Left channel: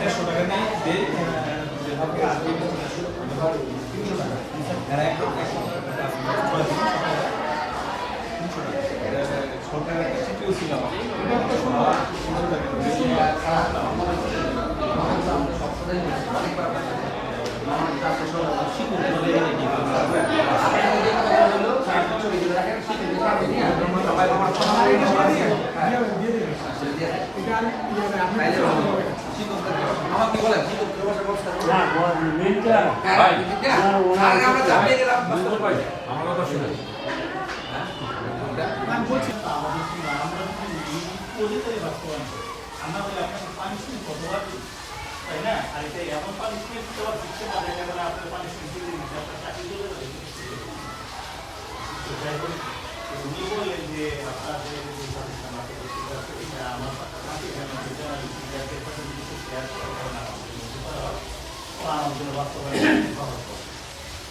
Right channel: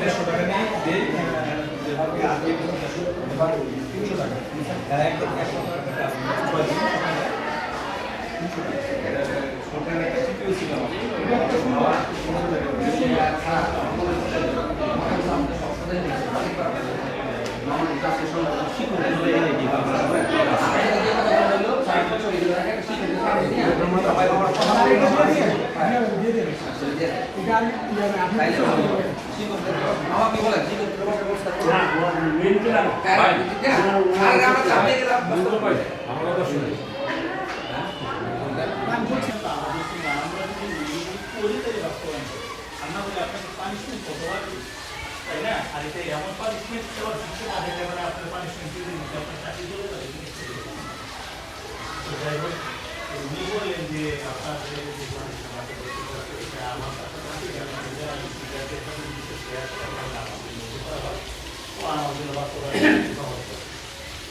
দেড়শো টাকা নেই তিনশো টাকা একদম একশো টাকা তিনশো টাকা ছিল আমার কথা শুনে আমাদের একটা পানিশমেন্ট কত আছে তাই না আর এমন পানিশমেন্ট দেওয়া দিচ্ছে না যে আমরা আপনার পানিশমেন্ট দিয়ে আপনার চাকরি দিয়ে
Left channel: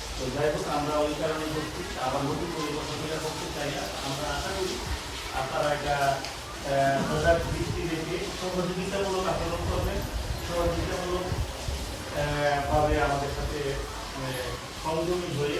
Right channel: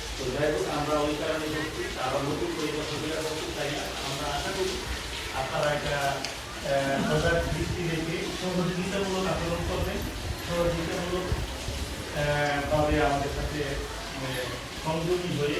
তো যাই হোক আমার ওই কারণে করছি আবার নতুন করে করতে চাই না আমরা আশা করি আপনারা একটা আহ, দৃষ্টি রেখে সহযোগিতামূলক আচরণ করবেন সহযোগিতামূলক ভাবে আমাদের সাথে সংযোগী হয়ে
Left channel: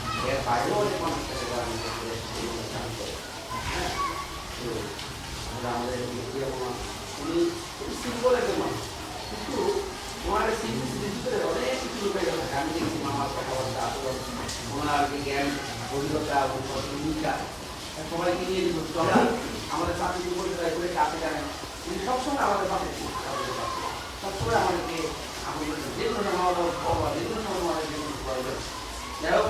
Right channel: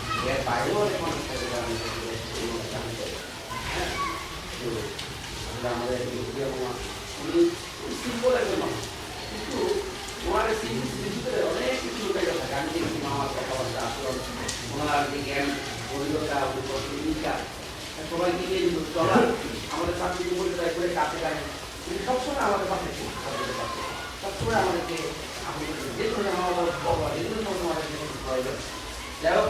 এর আমাদের কিছু আমাদের পাশে আমাদেরকে আমাদের যে কোনো আমার যে কোনো আমাদের যাই হোক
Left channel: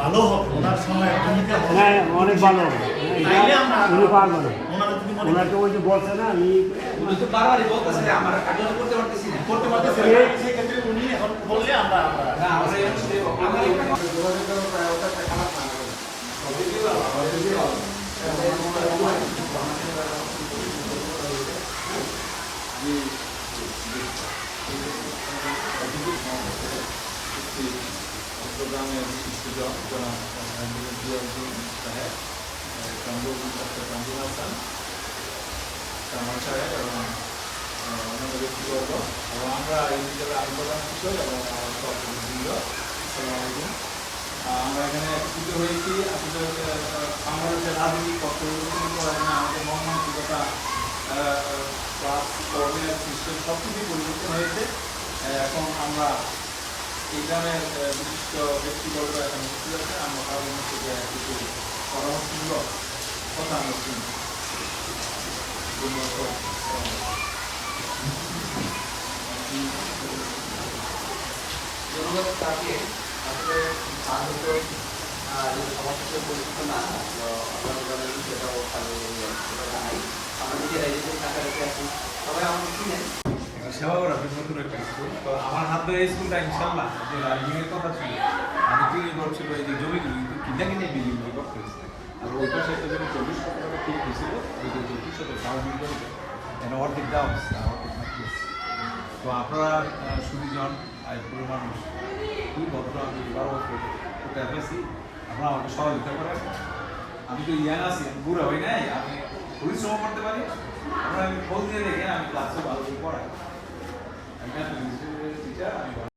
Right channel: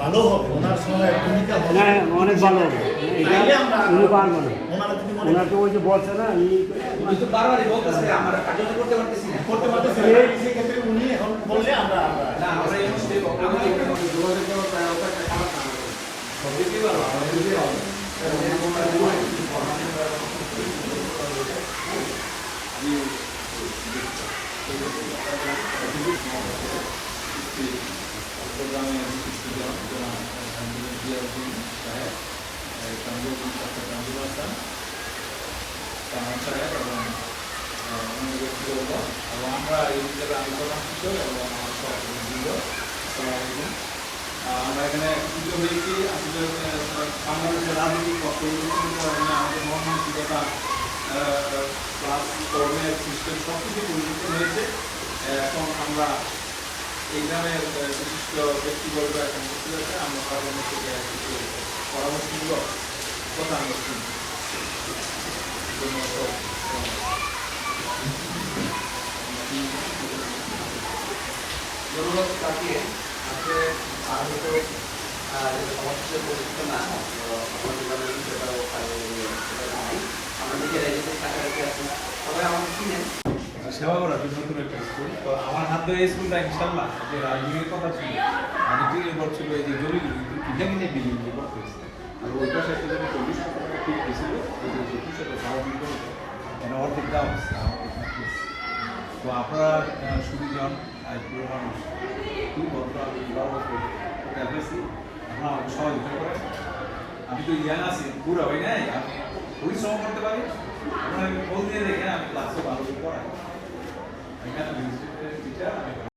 ভালো হবে ওনার সময় ভূমিকা হবে। না অনেক ভালো হবে। উনি পারব না। ওনাকে ওই যে বলছে না উনি তো বারবারই বলতেছে আমরা কার্যকর করতে পারতেছি না। করতে পারতেছি না। সেই ক্ষেত্রে উনি এখন বললে আমরা আমরা না আমরা আমি যোগাযোগ ব্যবস্থা একটা খারাপ না। চট্টগ্রামের শিক্ষিত জনাব জিয়াউদ্দিন সাহেব চন্দ্রপুর ডক্টর মঞ্জুর হাসান কামাল সাহেব এবং অন্যান্য ব্যক্তিবর্গ এবং আমরা এই হিসেবে আমি প্রধান শিক্ষক এবং আলাইকুম। আমরা এখানে একত্রিত হয়েছি। আসলে বাংলাদেশের রাজনৈতিক পক্ষ আমাদের মন মানসিকতা ক্লাস কর্মের সিস্টেম সব কিছু পরিবর্তন হয়েছে। এখন আমরা এই ধরনের বিশিষ্ট ব্যক্তিবর্গ এখন আমরা পরামর্শমূলক কথা আমরা তাকে আজকে যেটা সবার সাথে পরিচিত না আপনাদের নাই আমরা নিজেরাই নিজে টাকা রেখে আছি সবাই চিনেন। একটা সেবা করার জন্য নতুন একটা স্কুল। তো আমার হাত ধরে এই স্কুলটা ইনশাল্লাহ যে এর কথা ছিল আমি তৈরি করছিল এই যে জমিগুলো কিন্তু কিনে কিনে বিল্ডিংগুলো করতে আর ওই পাশে একটা জমি চল্লিশ শত টাকা ঠিক হয়েছিল এই যে চব্বিশ শত দাও বিল্ডিং মানে অর্ধেক দাও হচ্ছে তো আপনারা আহ, সুবিজন আর পুরো মানুষ। খুব বড়টা বারো বছর এটা বেশি আপনারা আমাকে সহযোগিতা করেন। আমি তো ইয়াং আছি বুড়া হই নাই আমি পরিশ্রম করতে পারি। আপনারা আমি ফোন দিয়ে দেখে আমি ক্লাসে ভালো করে পড়াই। আমি টিচার আমি